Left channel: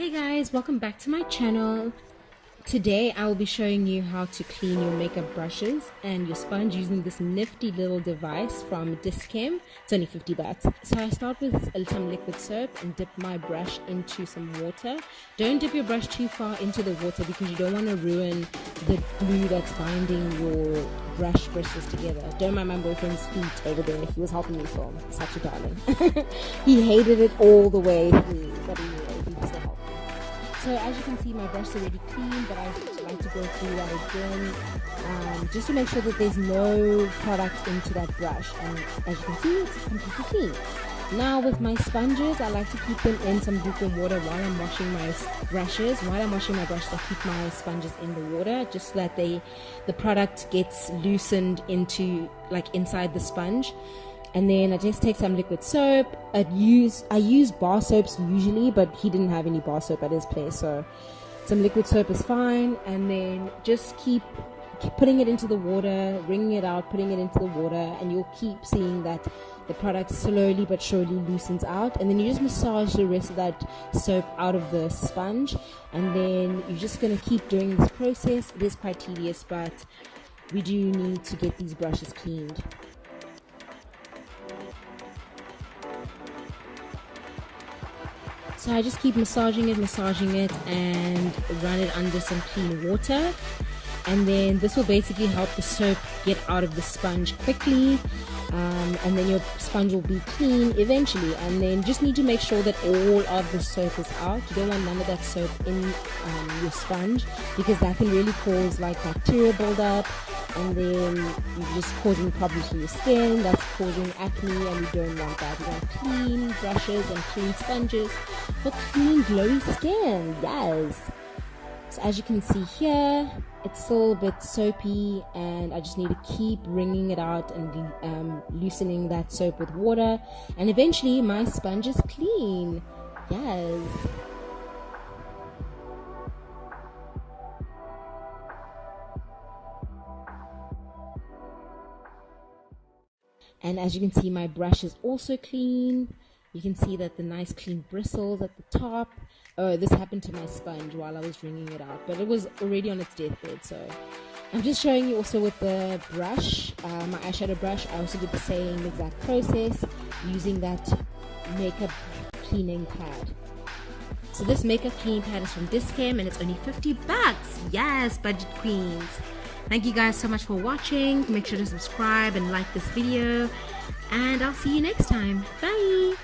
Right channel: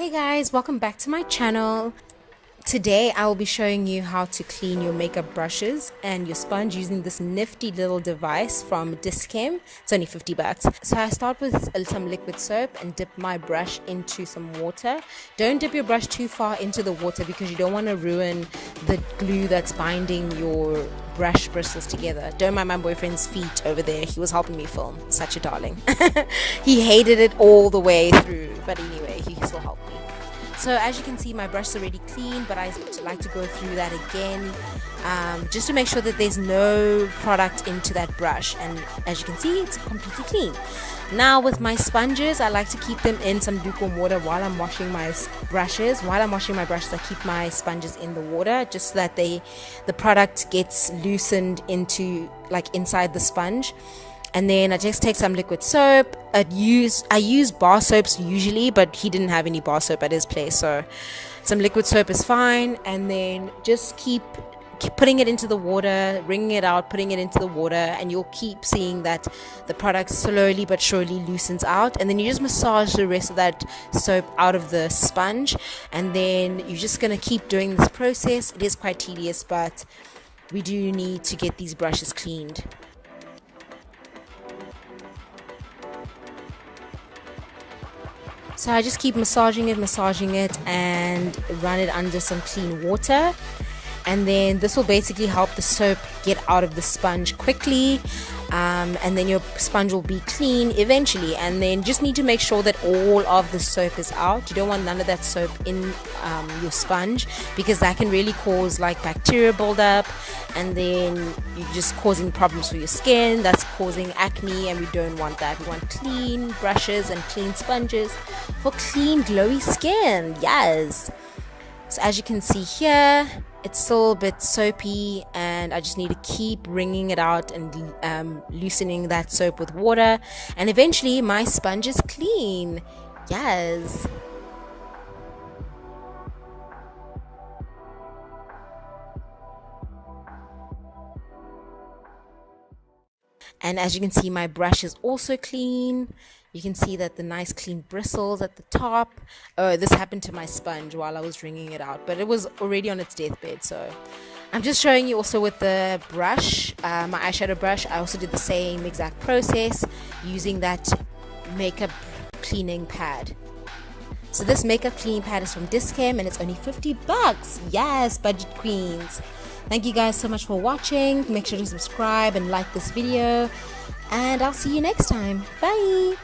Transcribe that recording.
Hey guys, welcome back to my channel. Today I will be showing you how to clean your makeup brushes and your sponge using this nifty little device from Dischem. It's only 50 bucks. So I start with some liquid soap and dip my brush into some water. Don't dip your brush too far into the water because you don't want to ruin the glue that's binding your brush bristles together. Don't mind my boyfriend's feet over there. He was helping me film. Such a darling. He hated it all the way through, but anyway, he still helped me. So as you can see, my brush is already clean, but I like to go through that again just to make sure that there's no product into that brush. And as you can see, it's completely clean. Now with my sponges, I like to keep them in some lukewarm water while I'm washing my brushes. While I'm washing my brushes, I keep my sponges in the water just so that the product gets loosened into inside the sponge. And then I just take some liquid soap. I use bar soaps usually, but he didn't have any bar soap at his place, so some liquid soap is fine. And then just keep putting it into the water, wringing it out, putting it into the water, and you'll keep seeing that the product slowly but surely loosens out. And then you just massage the rest of that soap out of the sponge, and then you're just gonna keep doing this process. It is quite tedious, but we do need to get these brushes cleaned. So I just keep massaging it and run it under some clean water. And then this will basically help the soap get out of the sponge quickly, and then your sponge will be clean eventually. And then just need to make sure that all of the soap is out. You don't want none of that soap in your sponge, because that can really cause bacteria buildup, and then you're just causing problems for your skin. That's causing acne, and we don't want that. We want clean brushes and clean sponges for clean glowy skin. Yes. So as you can see here, it's still a bit soapy, and I just need to keep wringing it out and loosening that soap with water, and eventually my sponge is clean. Yes. And as you can see, my brush is also clean. You can see that the nice clean bristles at the top. Oh, this happened to my sponge while I was wringing it out, but it was already on its deathbed. So I'm just showing you also with the brush, my eyeshadow brush. I also did the same exact process using that makeup cleaning pad. So this makeup cleaning pad is from Dischem, and it's only 50 bucks. Yes, budget queens. Thank you guys so much for watching. Make sure to subscribe and like this video, and I'll see you next time. Bye.